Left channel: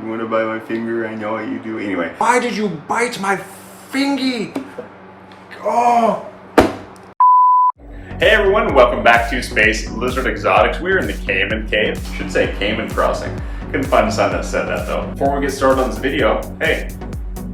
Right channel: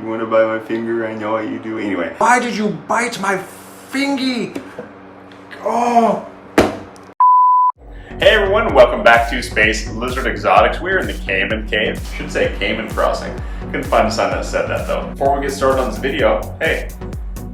You wanna bite my finger? I know what you do. Anyway. Why did you bite my fingy? Oh! Hey everyone, welcome back to Space Lizard Exotics. We're in the Caiman Cave. I should say Caiman Crossing. Couldn't find a sign that said that though. Before we get started on this video, hey,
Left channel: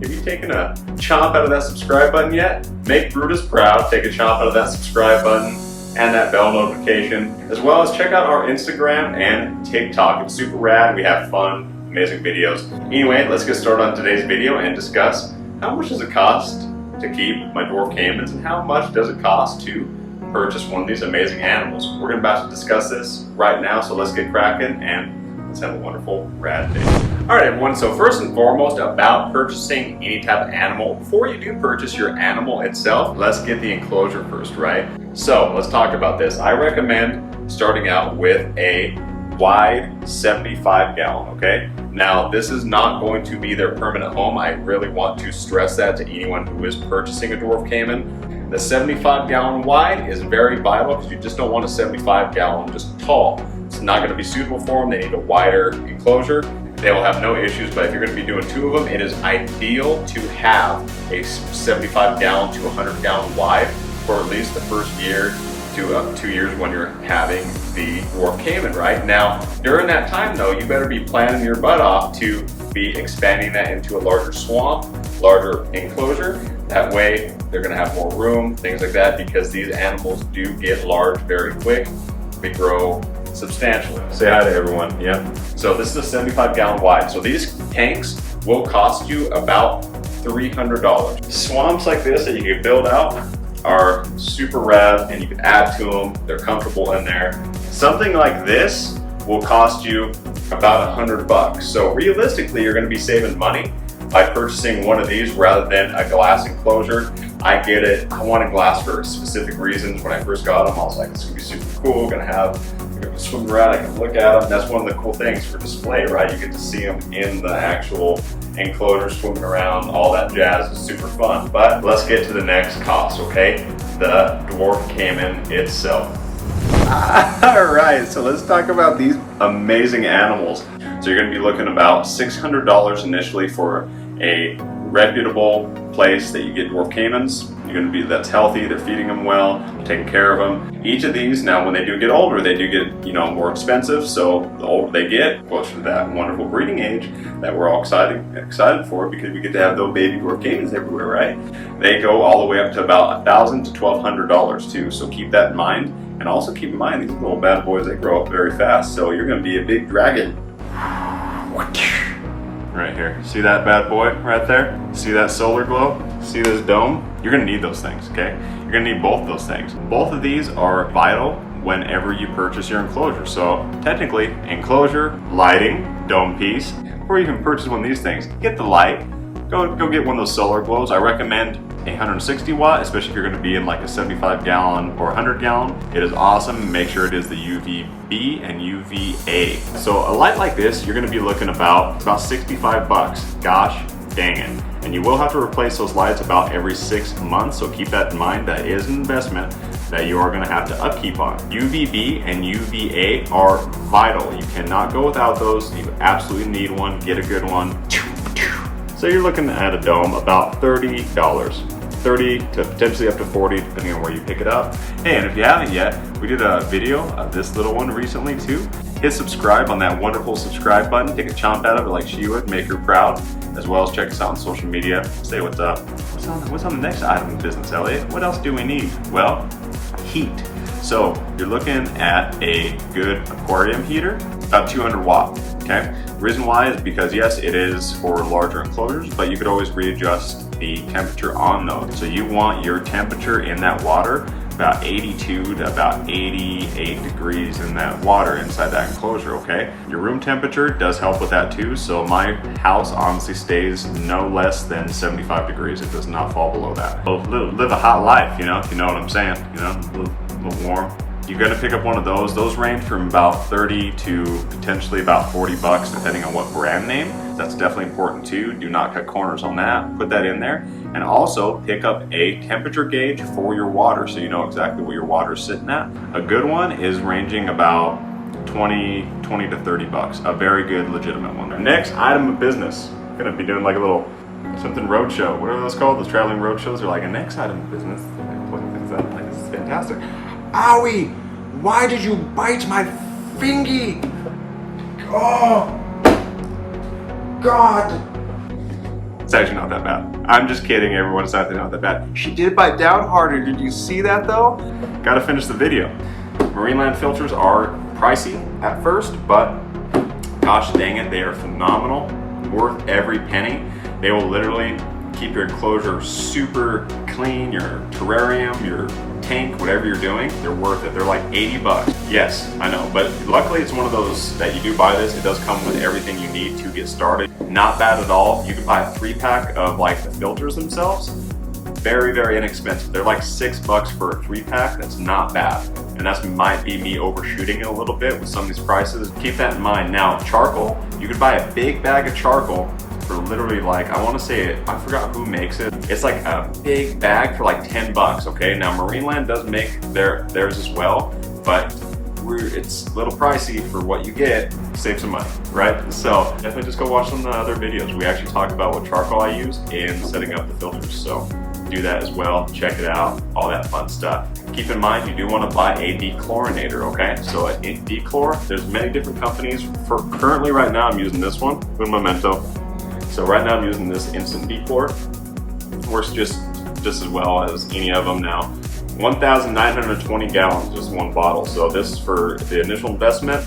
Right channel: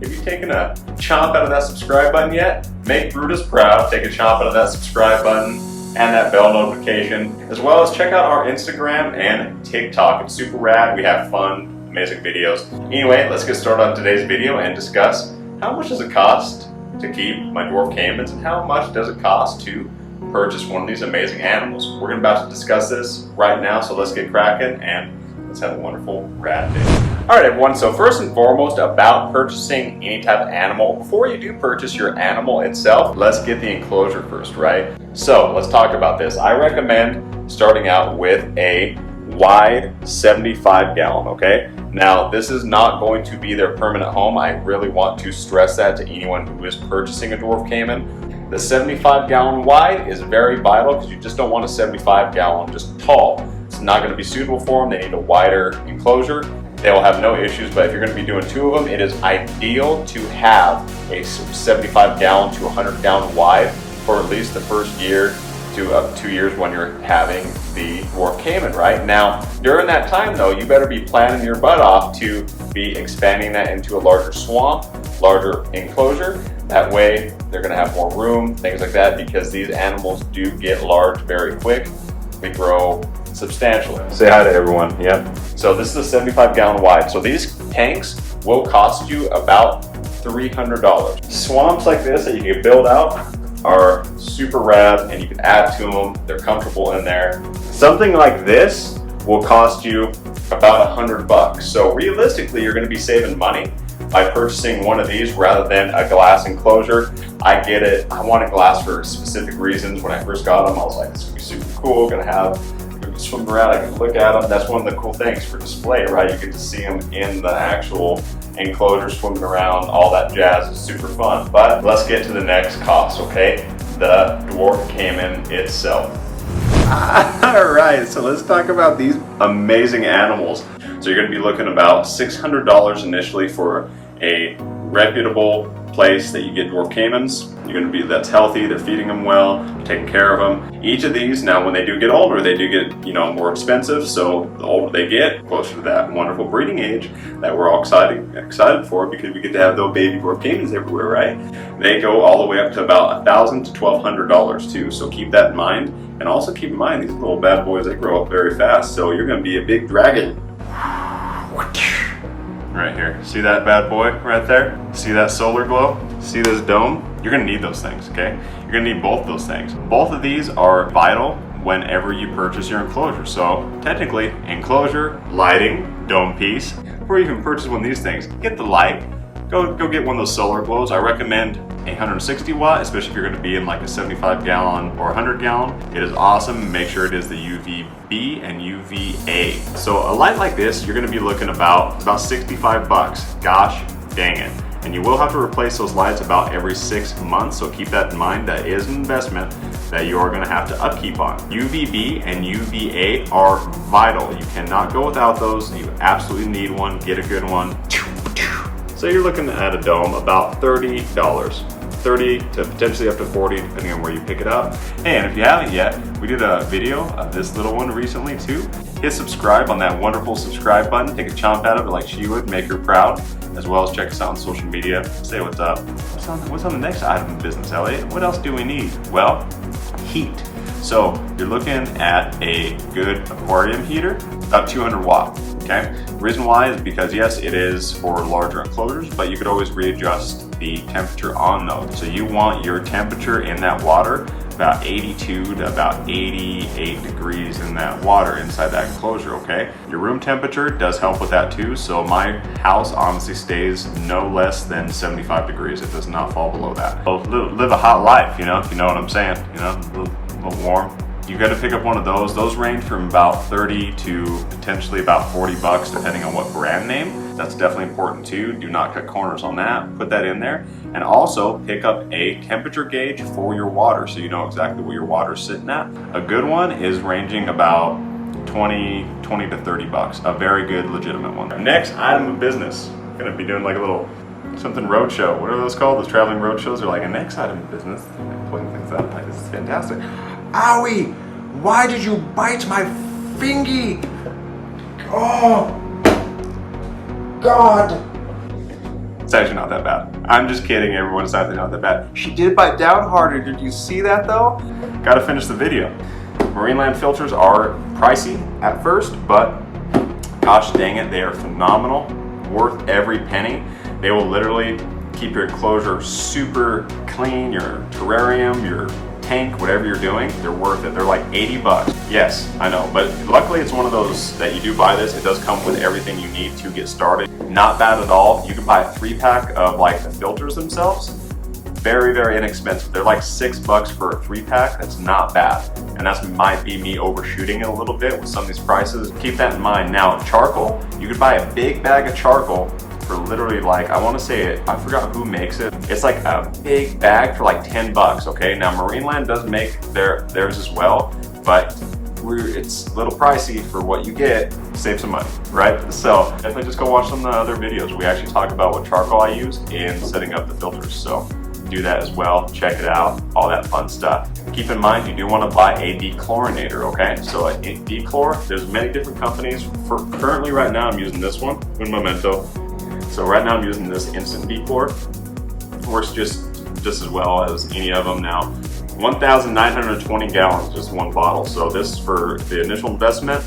have you taken a chomp out of that subscribe button yet? Make Brutus proud. Take a chomp out of that subscribe button and that bell notification, as well as check out our Instagram and TikTok. It's super rad. We have fun, amazing videos. Anyway, let's get started on today's video and discuss how much does it cost to keep my Dwarf Caimans and how much does it cost to purchase one of these amazing animals. We're about to discuss this right now, so let's get cracking and let's have a wonderful rad day. Alright everyone, so first and foremost about purchasing any type of animal. Before you do purchase your animal itself, let's get the enclosure first, right? So let's talk about this. I recommend starting out with a wide 75 gallon, okay? Now this is not going to be their permanent home. I really want to stress that to anyone who is purchasing a Dwarf Caiman. The 75 gallon wide is very vital because you just don't want a 75 gallon just tall. It's not going to be suitable for them. They need a wider enclosure. They will have no issues, but if you're going to be doing two of them, it is ideal to have a 75 gallon to 100 gallon wide for at least the first year to up to 2 years when you're having the Dwarf Caiman, right? Now, during that time though, you better be planning your butt off to be expanding that into a larger swamp, larger enclosure. That way, they're gonna have more room, things like that, because these animals do get large very quick. They grow substantially. Say hi to everyone, yeah. So this is a 75 gallon wide. So these tanks will cost you about $300. Swamps like this that you can build out are super rad and you can add to them. They're comfortable in there. Something like this will cost you about $100. So realistically, you're gonna be saving money by purchasing one of these rather than a glass enclosure. I get it. I wanted glass for specific reasons. When I first got them, I was like, this is gonna be super cool. Gonna swim around, I can look at them. That's one of the cool things for display, right? You get to see them in the actual enclosure, swimming around, all that jazz is super fun. But let's get to the next cost, okay? The Dwarf Caiman itself. All right, so let's talk about these amazing animals. So you're gonna be looking about $600 initially for a reputable place that you get Dwarf Caimans. You're gonna be, that's healthy, they're feeding them well, taking care of them. Each of these, now when they do get older, they do get, more expensive. So the older they get, closer to that wonderful breeding age that we're all excited for, because we get to have those baby Dwarf Caimans everywhere, right? They go all the way up to about $1,000 to $1,200 too. So keep that in mind. And also keep in mind, these little bad boys, they grow up very fast. So you're gonna be a big dragon. Right here. See that bad boy right there? See that solar glow? See this dome? You're gonna need those things, okay? You're gonna need both those things. Both of these are vital whenever you purchase your enclosure. So technically, enclosure, lighting, dome piece. Before you can purchase one of these things, get the light. Go get one of those solar glows. I recommend a 160 watt, especially if you're gonna be in like a 75 gallon or 100 gallon. It is awesome. Make sure it is the UVB and UVA. So a light like this, you're gonna be looking about $65. Gosh dang it. And you will have to replace those lights about every 6 months. So keep that in mind. That is an investment that you are gonna have to upkeep on. UVB and UVA are vital. You cannot go without those. You absolutely need one. Get a good one. So you're looking at a dome about $30, $30 to potentially up to $40, depending on where you pick it up. Hey, and if you haven't yet, we did a video of this little one recently too. Hit subscribe on that wonderful subscribe button. Take a chomp out of it like she would, make her proud, as well as check us out on social media. Say what's up. What's on the next item of business, Elliot? What else do we need? Well, heat. So you're looking at a good aquarium heater, about 200 watt. Okay. The reason why is because yes, it is for larger enclosures, but you could always readjust the temperature on those. So you want your temperature in that water about 82 to about 88 degrees in that water inside that enclosure, okay? Your room temperature does help with that too. So my house honestly stays no less than 75 degrees. It does not fall below that. So live a hot life, if you know what I'm saying, a little warm. You're gonna pick up one of those. Those range from about 30 to potentially about $40, depending on what brand name. That's definitely important too. Do not cut corners on that. Put that in there. And also pick up a temperature gauge for your water so you know exactly what your water is sitting at. A good one is ranging about 20 to 30 bucks. A very good, legitimate one. Next item of business. I'm gonna be doing like a little something roadshow. What are those called? Those traveling roadshows are like a next item of business. Like putting things out. Like, this is fantastic. Owie! Why did you bite my fingy? Oh, God. It's actually not that bad. I'm just kidding, everyone. It's actually not that bad. She did bite down harder. Did you see that though? Gotta finish the video. Marine land filters are pricey at first, but gosh dang it, they are phenomenal. Worth every penny. They will literally keep your enclosure super clean, your terrarium, your tank, whatever you're doing, they're worth it. They're like 80 bucks. Yes, I know, but luckily it's one of those that you do buy this, it does come with everything you need to get started. Not bad at all. You can buy a 3-pack of like the filters themselves. Very, very inexpensive. They're like $6 for a 3-pack. That's not bad. And that might be me overshooting it a little bit with some of these prices. Keep that in mind. Now, charcoal, you could buy a big bag of charcoal for literally like, I want to say it, I forgot who makes it. It's like a big bag for like 10 bucks, okay? Now Marineland does make theirs as well, but it's a little pricey for what you get. Save some money, right? So definitely just go watch some of the other videos. We actually talk about what charcoal I use in setting up the filters. So do that as well, check it out, all that fun stuff. Keep in mind, you do want to buy a dechlorinator, okay? So a dechlor, there's many different companies. For currently right now, I'm using this one with Memento. So right now I'm using this instant dechlor. Works just as well as any of them now. 1,920 gallons, just one bottle. So this is for the initial investment,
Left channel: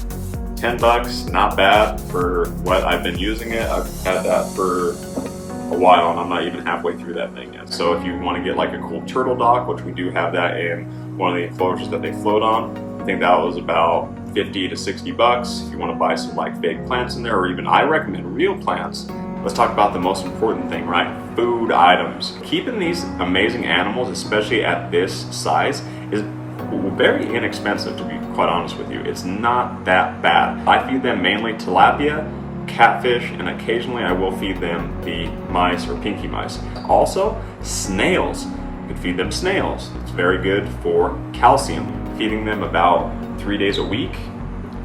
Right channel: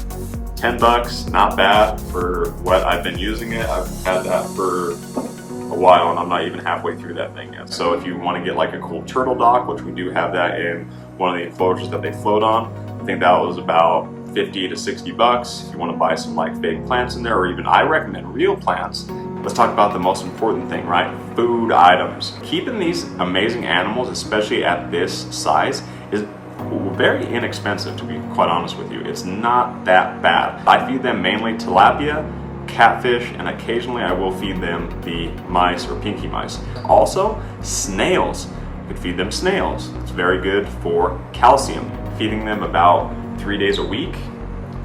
10 bucks, not bad for what I've been using it. I've had that for a while and I'm not even halfway through that thing yet. So if you want to get like a cool turtle dock, which we do have that in one of the enclosures that they float on, I think that was about 50 to 60 bucks. If you want to buy some like fake plants in there, or even I recommend real plants. Let's talk about the most important thing, right? Food items. Keeping these amazing animals, especially at this size, is very inexpensive, to be quite honest with you. It's not that bad. I feed them mainly tilapia, catfish, and occasionally I will feed them the mice or pinky mice. Also, snails. You could feed them snails. It's very good for calcium. Feeding them about 3 days a week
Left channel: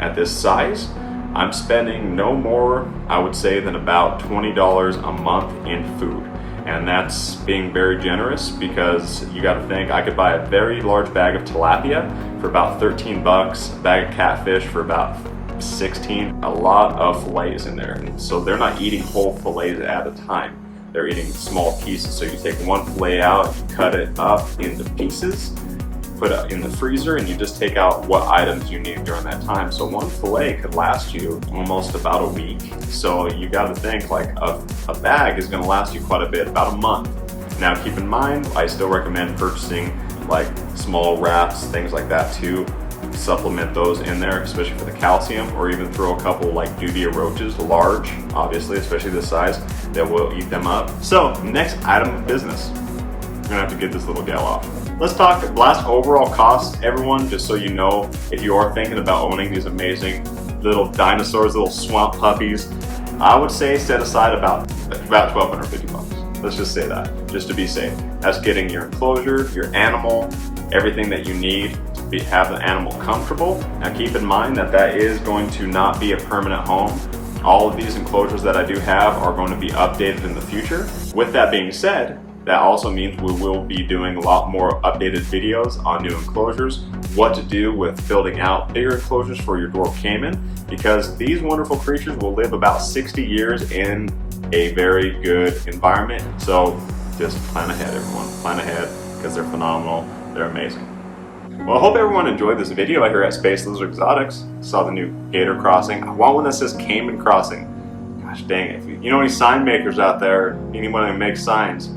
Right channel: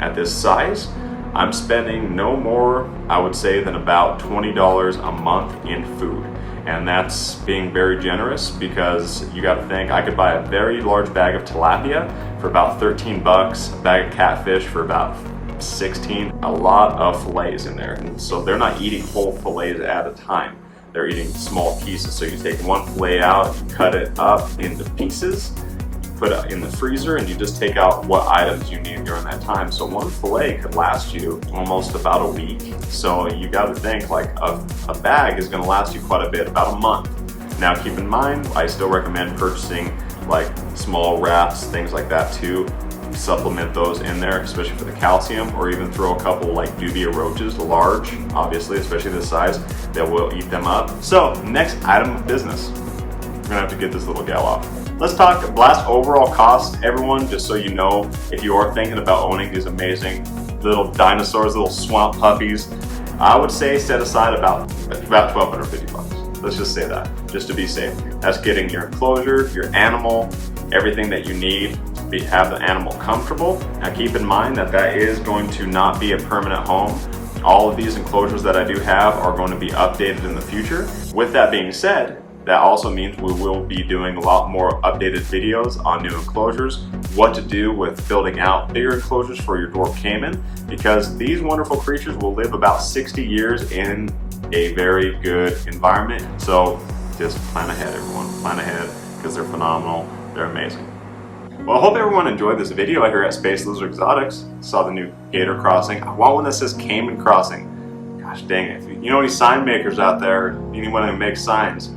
at this size, I'm spending no more, I would say, than about $20 a month in food. And that's being very generous because you gotta think, I could buy a very large bag of tilapia for about 13 bucks, a bag of catfish for about 16, a lot of fillets in there. And so they're not eating whole fillets at a time. They're eating small pieces. So you take one fillet out, you cut it up into pieces, put it in the freezer, and you just take out what items you need during that time. So one fillet could last you almost about a week. So you got to think like a bag is going to last you quite a bit, about a month. Now keep in mind, I still recommend purchasing like small rats, things like that too. Supplement those in there, especially for the calcium, or even throw a couple like dubia roaches, large, obviously, especially this size, that will eat them up. So next item of business. We're gonna have to get this little gal off. Let's talk last overall cost, everyone, just so you know, if you are thinking about owning these amazing little dinosaurs, little swamp puppies, I would say set aside about 1,250 bucks. Let's just say that, just to be safe. That's getting your enclosure, your animal, everything that you need to have the animal comfortable. Now keep in mind that that is going to not be a permanent home. All of these enclosures that I do have are going to be updated in the future. With that being said, that also means we will be doing a lot more updated videos on new enclosures, what to do with building out bigger enclosures for your Dwarf Caiman, because these wonderful creatures will live about 60 years in a very good environment. So just plan ahead, everyone. Plan ahead, because they're phenomenal. They're amazing. Well, I hope everyone enjoyed this video here at Space Lizard Exotics. Saw the new gator crossing. I want one that says Caiman Crossing. Gosh dang it. If you know any sign makers out there, anyone who makes signs,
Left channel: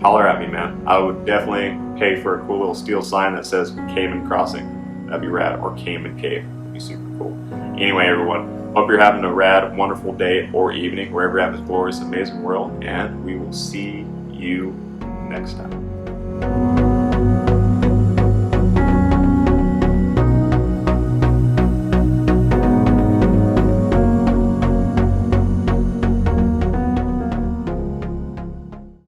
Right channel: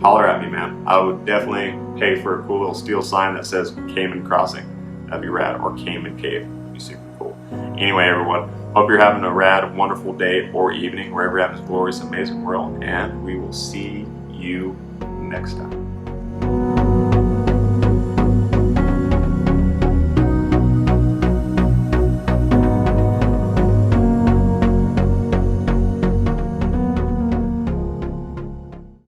holler at me, man. I would definitely pay for a cool little steel sign that says Caiman Crossing. That'd be rad. Or Caiman Cave. That'd be super cool. Anyway, everyone, hope you're having a rad, wonderful day or evening wherever you're at in this glorious, amazing world. And we will see you next time.